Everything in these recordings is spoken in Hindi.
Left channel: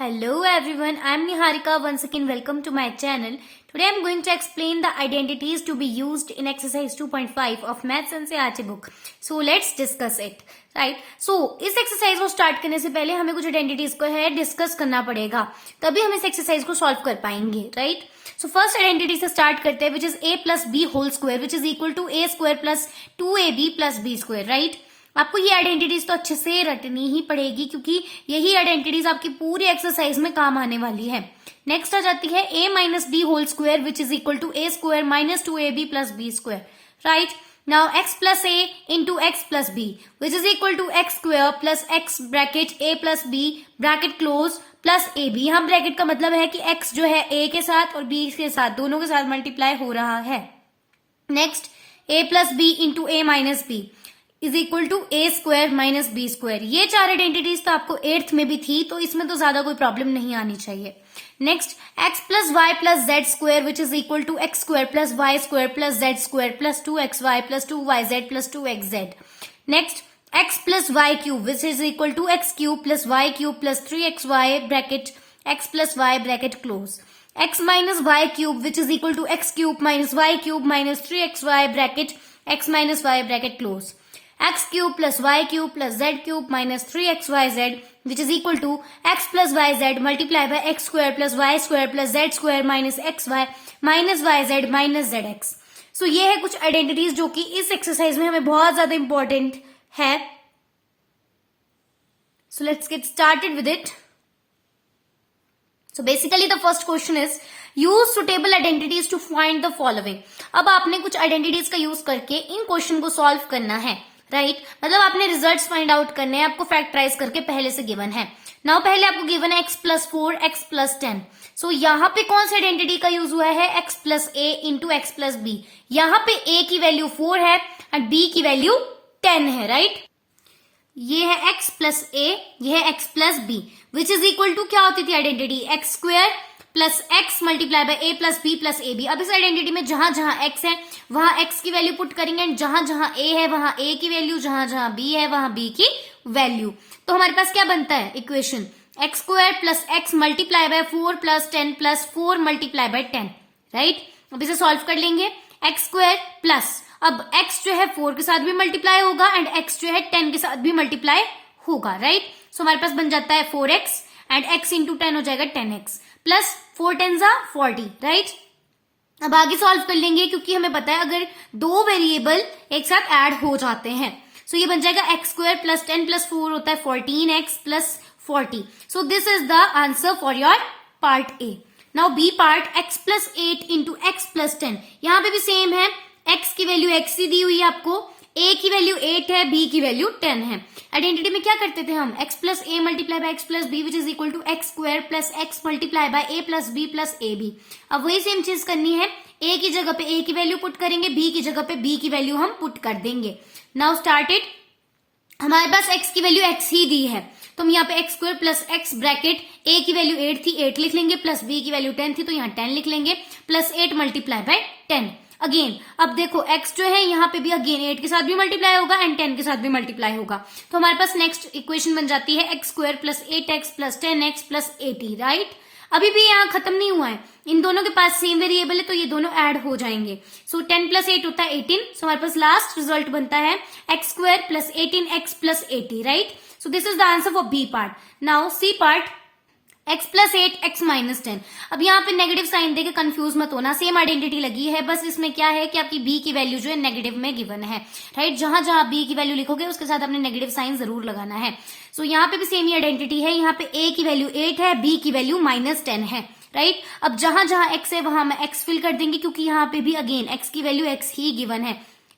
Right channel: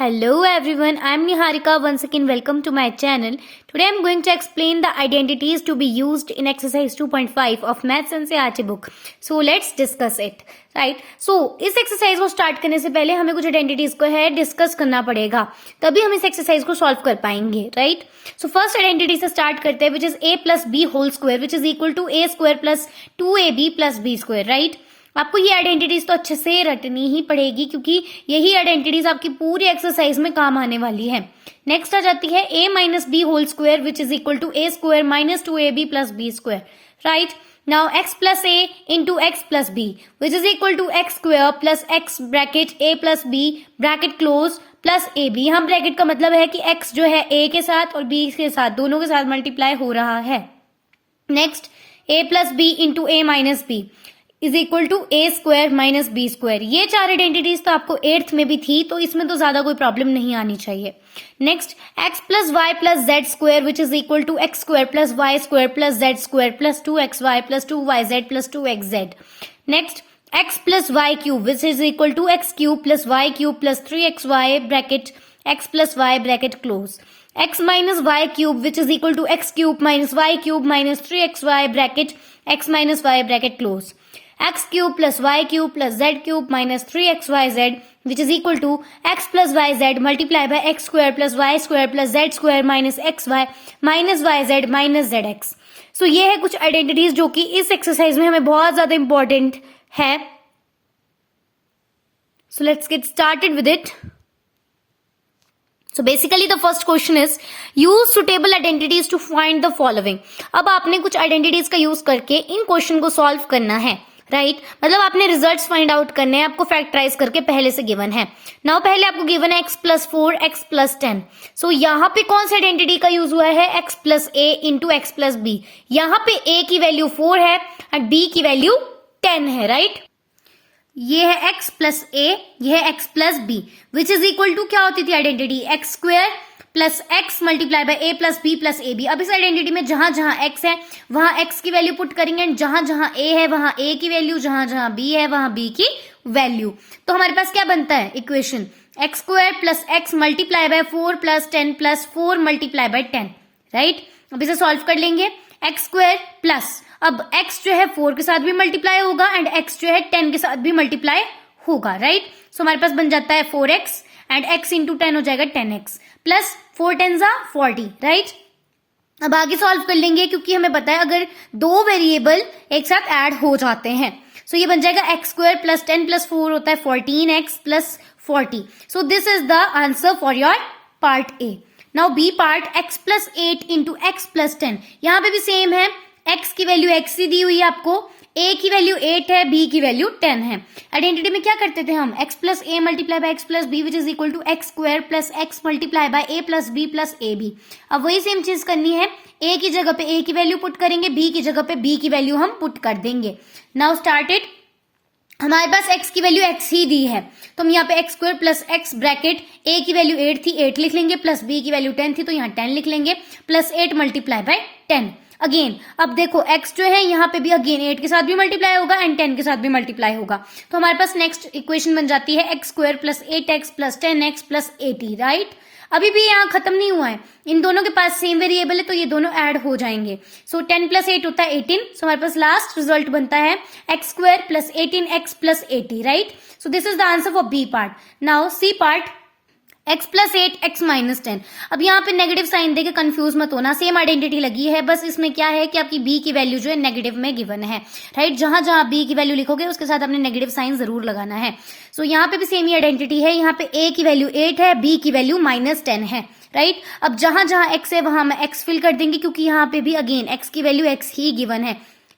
Hello everyone, I am Niharika. Once again, welcome to my channel. Today I am going to explain the identities to be used in exercise 2.5 of Maths NCERT book. So let's discuss it. Right इस एक्सरसाइज को स्टार्ट करने से पहले हमें कुछ आइडेंटिटीज को है डिस्कस करना पड़ेगा, तभी हम इस एक्सरसाइज को सॉल्व कर पाएंगे. राइट फर्स्ट आइडेंटिटी से स्टार्ट करते हैं, which is a plus B whole square which is equal to a square plus 2ab plus b square. Right, आपको ये आइडेंटिटीज तो अच्छे से रटनी ही पड़ेगी क्योंकि यही आइडेंटिटीज आपकी पूरी एक्सरसाइज में काम आने वाली है. नेक्स्ट आ जाती है a minus B whole square which is equal to a square minus 2ab plus b square. Right, now x plus a into X plus B which is equal to X square plus x bracket a plus b bracket close plus ab. यहाँ ब्रैकेट का मतलब है कि x जो है a के साथ और b के साथ दोनों के साथ मल्टीप्लाई हो रहा है. Next a plus B into a minus B is equal to A square minus B square. ये चार आइडेंटिटीज तो आपको 8th में भी थी, तो इसमें तो ज्यादा कोई प्रॉब्लम नहीं आनी चाहिए. Next X plus Y plus Z square which is equal to X square plus Y square plus Z square plus 2xy plus 2yz plus 2xz. Next X plus Y cube which is equal to X cube plus Y cube plus 3xy bracket X plus Y bracket close. X minus Y cube which is equal to X cube minus Y cube minus 3xy bracket X minus Y bracket close. x cube plus y cube plus z cube minus 3xyz which is equal to x plus yz multiplied by x square plus y square plus z square minus xy minus yz minus zx. So ये है कुछ आइडेंटिटीज जो कि इस एक्सरसाइज में हमें बहुत ज्यादा इंपॉर्टेंट है. So let's get started with it. So basically the first question is use suitable identities to find the following. अब आपने कुछ आइडेंटिटीज का यूज करके इन क्वेश्चन को सॉल्व करना है. राइट, मतलब आपने रिजल्ट्स फाइंड आउट करने हैं, आपको फैक्टराइज करके पहले से गिवन है. नाउ पहले आपको गिवन है एक्स प्लस 4 एक्स प्लस 10. सो यहाँ पे कौन सा आइडेंटिटी का यूज हुआ है? एक्स प्लस ए इंटू एक्स प्लस बी. यहाँ पे a की वैल्यू 4 है और b की वैल्यू 10 है. राइट, ये है x प्लस a, ये है x plus b which is equal to क्या होती थी identity? X square plus X multiply by A plus B plus A B. अब इस आइडेंटिटी में जहां जहां x है वहां x की वैल्यू पुट करेंगे एंड जहां जहां a है वहां a की वैल्यू, जहां जहां b है वहां b की वैल्यू. तो हमारे पास क्या बनता है equation? X square plus X multiply bye 4 plus 10 plus 4 multiply bye 10. Right, अब इसे सॉल्व कर लेंगे. एक्स स्क्वायर प्लस अब x जो है 4 के साथ भी मल्टीप्लाई होगा एंड x जो है 10 के साथ भी मल्टीप्लाई होगा. राइट, सो हमारे पास बन जाता है 4x एंड x इंटू 10 हो जाएगा 10x प्लस 4 10 40. राइट, अब आगे सॉल्व कर लेंगे क्योंकि हमें पता है अगर दो वेरिएबल एक साथ ऐड हो जाते हैं. सो ये बन जाएगा एक्स स्क्वायर प्लस 10 प्लस 4 होता है 14x plus 40. So this is the answer for your part A. Now B part X plus 8 into X plus 10. यहाँ पे भी सेम है, x की वैल्यू x ही दी हुई है आपको, a की वैल्यू 8 है, b की वैल्यू 10 है. आइडेंटिटी में क्या करते थे हम? x plus a multiply by x plus b which is equal to X square plus x multiply by a plus b plus A B. अब वही सेम चीज करनी है, a की जगह पे a की वैल्यू पुट करेंगे, b की जगह पे b की वैल्यू हम पुट कर देंगे. नाउ स्टार्टेड, हमारे पास x की वैल्यू x ही दी है तो हम यहाँ पे x square plus x bracket a की वैल्यू 8 थी 8 लिख लेंगे प्लस b की वैल्यू 10 थी तो यहाँ 10 लिख लेंगे प्लस 8 मल्टीप्लाई बाय 10. अगेन अब देखो x जो है यहाँ पे भी अगेन 8 के साथ भी मल्टीप्लाई होगा एंड 10 के साथ भी मल्टीप्लाई होगा. तो हमारे पास नेक्स्ट इक्वेशन बन जाती है X square plus 8x plus 10x plus 80. Right, अभी भी यहाँ खत्म नहीं हुआ है, इन दोनों के पास सेम वेरिएबल है तो ये दोनों ऐड हो जाएंगे. सो 10 प्लस 8 होता है 18. सो हमारे पास लास्ट रिजल्ट बनता है X square plus 18x plus 80. Right, so this is the answer for B part. Now C part x plus 8 x minus 10. अब यहाँ पे नेगेटिव साइन देके कंफ्यूज मत होना, सेम आइडेंटिटी लगी है, बस इसमें क्या है कि आपकी b की वैल्यू जो है नेगेटिव में गिवन है. राइट, जहां जहां b की वैल्यू लिखोगे उसके साथ आपने नेगेटिव साइन जरूर लगाना है. सो यहाँ पे भी सेम ही आइडेंटिटी है, यहाँ पे a की वैल्यू 8 है, b की वैल्यू माइनस 10 है. राइट, अब जहां जहां x है वहां हम x फिल कर देंगे क्योंकि यहाँ पे भी अगेन x की वैल्यू x ही गिवन है.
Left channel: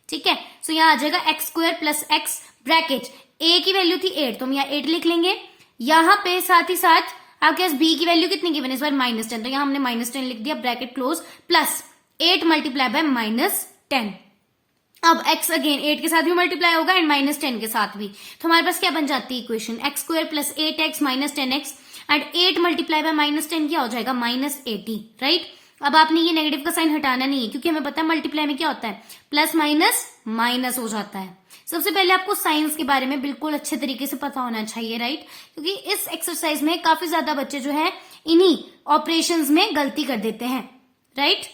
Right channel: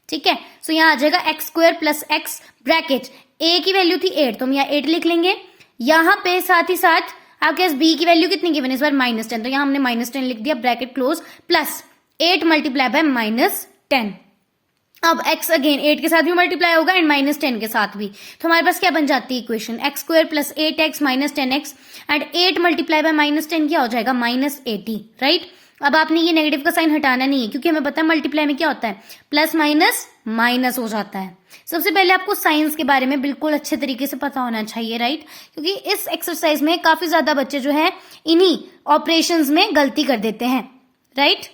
ठीक है, सो यहाँ आ जाएगा x square plus x bracket a की वैल्यू थी 8 तो हम यहाँ 8 लिख लेंगे. यहाँ पे साथ ही साथ आपके पास b की वैल्यू कितनी गिवन है इस बार माइनस 10 तो यहाँ हमने माइनस 10 लिख दिया bracket close plus 8 multiply by minus 10. अब x अगेन 8 के साथ भी मल्टीप्लाई होगा एंड माइनस 10 के साथ भी, तो हमारे पास क्या बन जाती है equation? X square plus 8x minus 10x and 8 multiply by minus 10 क्या हो जाएगा? माइनस 80. राइट, अब आपने ये नेगेटिव का साइन हटाना नहीं है क्योंकि हमें पता है मल्टीप्लाई में क्या होता है प्लस माइनस माइनस हो जाता है। सबसे पहले आपको साइंस के बारे में बिल्कुल अच्छे तरीके से पता होना चाहिए, राइट, क्योंकि इस एक्सरसाइज में काफी ज्यादा बच्चे जो है इन्हीं ऑपरेशंस में गलती कर देते हैं, right.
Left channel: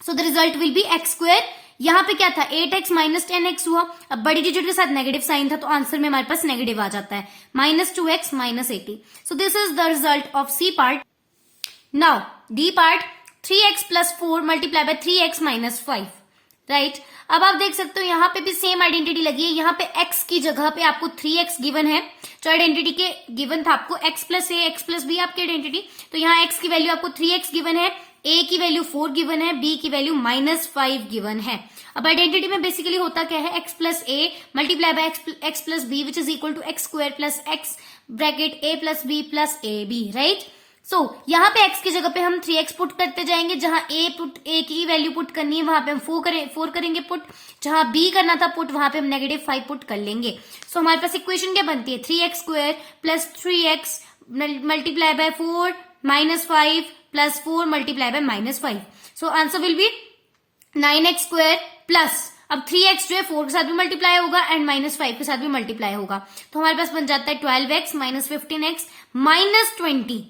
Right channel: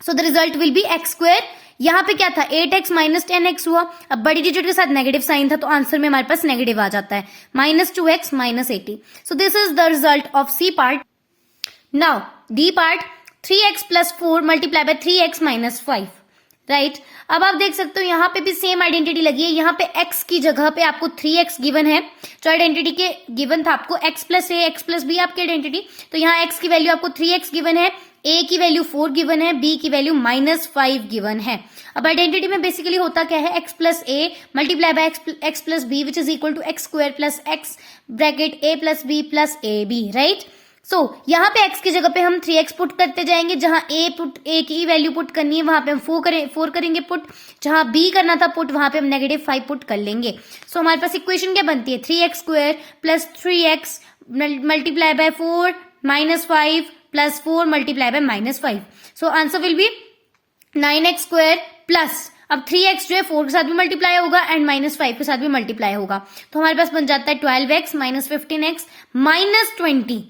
So the result will be x square. यहाँ पे क्या था, 8x माइनस 10x हुआ। अब बड़ी डिजिट के साथ नेगेटिव साइन था तो आंसर में हमारे पास नेगेटिव आ जाता है, -2x minus 80। So this is the result of C part. Now D part, 3x plus 4 multiply by 3x minus 5, right. अब आप देख सकते हो यहाँ पे भी सेम आइडेंटिटी लगी है। यहाँ पे x की जगह पे आपको 3x गिवन है, जो आइडेंटिटी के गिवन था आपको x plus a x plus b आपकी आइडेंटिटी, तो यहाँ x की वैल्यू आपको 3x गिवन है, a की वैल्यू 4 गिवन है, b की वैल्यू -5 गिवन है। अब आइडेंटिटी में बेसिकली होता क्या है, x plus a multiply by x plus b which is equal to x square plus x bracket a plus b plus A B, right. So यहाँ पे x की जगह पे हम 3x पुट करते जाएंगे, जहां a की वैल्यू पुट करनी है वहां पे हम 4 करेंगे पुट, जहां b करना था पुट वहां पे हम -5 पुट कर लेंगे। सो हमारे पास इक्वेशन क्या बनती है, 3x square plus 3x multiply by 4 minus 5 plus 4 multiply bye -5। So answer will be 9x square plus, अब 3x जो है 4 के साथ भी मल्टीप्लाई होगा एंड -5 के साथ भी मल्टीप्लाई होगा, तो हमारे पास बन जाता है 12x minus 15x minus 20,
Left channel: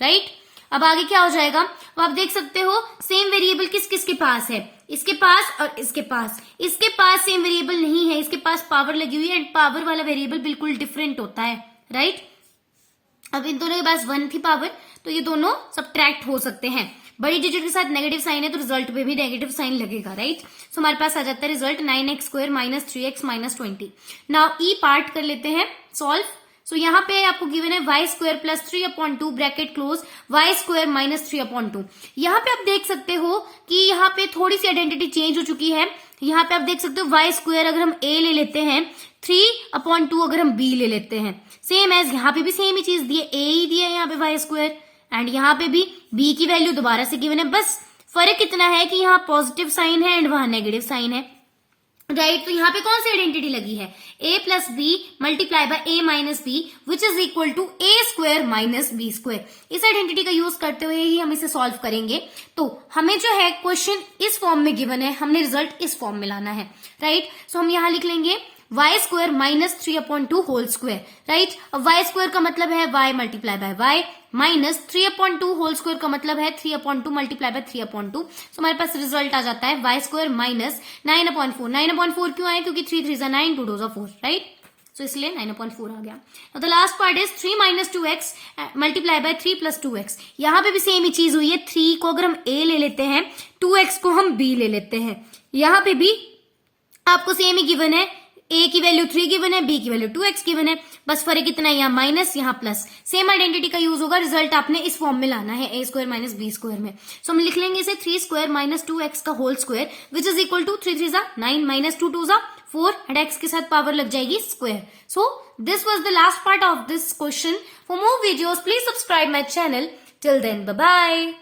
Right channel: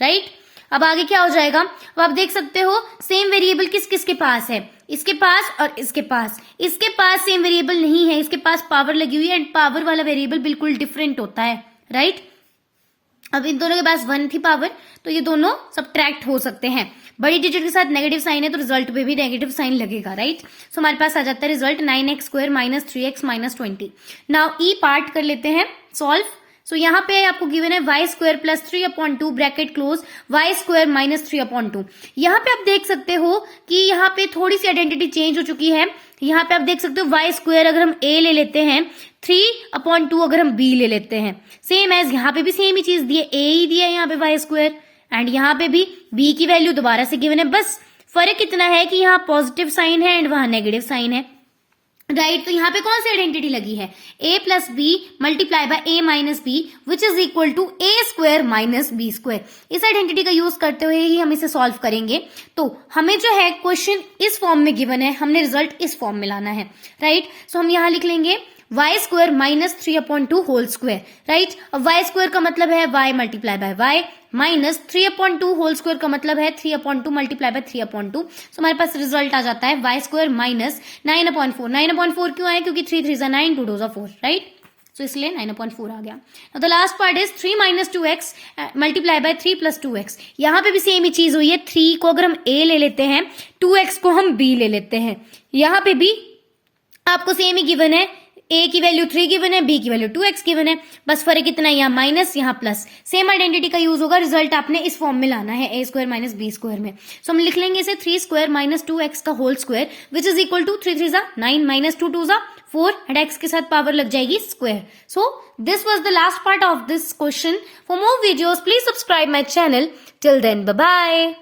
right. अब आगे क्या हो जाएगा, अब आप देख सकते हो सेम वेरिएबल किस किस के पास है, इसके पास और इसके पास। इसके पास सेम वेरिएबल नहीं है, इसके पास पावर लगी हुई है एंड पावर वाला वेरिएबल बिल्कुल डिफरेंट होता है, राइट। अब इन दोनों के पास 1 थी पावर, तो ये दोनों सबट्रैक्ट हो सकते हैं। बड़ी डिजिट के साथ नेगेटिव साइन है तो रिजल्ट पे भी नेगेटिव साइन लगेगा, राइट। सो हमारे पास आ जाता है result 9x square minus 3x minus 20। Now E part कर लेते हैं सॉल्व। सो यहाँ पे आपको गिवन है y square plus 3/2 bracket close y square minus 3/2। यहाँ पे आप देख सकते हो कि यहाँ पे थोड़ी सी आइडेंटिटी चेंज हो चुकी है। यहाँ पे आप देख सकते हो y स्क्वायर अगर हम a ले लेते हैं, 3/2 अगर हम b ले लेते हैं, सेम एज यहाँ पे भी सेम ही चीज दी है, a ही दिया है यहाँ पे y स्क्वायर एंड यहाँ पे भी b की वैल्यू दोबारा से गिवन है। बस फर्क इतना है कि यहाँ पॉजिटिव साइन है एंड वहां नेगेटिव साइन है, राइट। तो यहाँ पे कौन सी आइडेंटिटी लगी है, a plus B multiply by a minus B which is equal to a square minus B square. इस आइडेंटिटी का यूज करते हुए ही हम इसे सॉल्व करेंगे। तो हमें जो है क्वेश्चन इस फॉर्म में गिवन है, हमने रिजल्ट इस फॉर्म में लाना है, राइट। सो हम यहाँ लिख लेंगे y square minus 3/2 whole square, right. अब y स्क्वायर का मतलब है y multiply by y minus 3/2 whole square का मतलब है 3/2 मल्टीप्लाई बाय 3/2। सो हमारे पास रिजल्ट आ जाता है y स्क्वायर माइनस 9/4। 9/4 क्यों आया, क्योंकि 3 3 9 2 2 4, राइट। सो इसलिए 9/4 आ गया। The last part is 3 minus 2x multiply by 3 plus 2x। यहाँ पे भी सेम ही चीज हुई है, 3 को अगर हम a ले लेते हैं, 2x को हम b ले लेते हैं। यहाँ पे भी आपको सेम ही गिवन है, a की वैल्यू 3 गिवन है, b की वैल्यू 2x गिवन है, बस फर्क इतना, यहाँ माइनस यहाँ प्लस, सेम आइडेंटिटी का यूज होगा। रिजल्ट आपने इस फॉर्म में लाना है, a square minus B square में। सो हम लिख लेंगे इसे 3 स्क्वायर माइनस 2x का whole square which is equal to 3 3 9 minus 2 2 4 and x के साथ पावर लग जाएगी square. So this was the last part of this question. For more videos please subscribe my channel. Till then bye bye.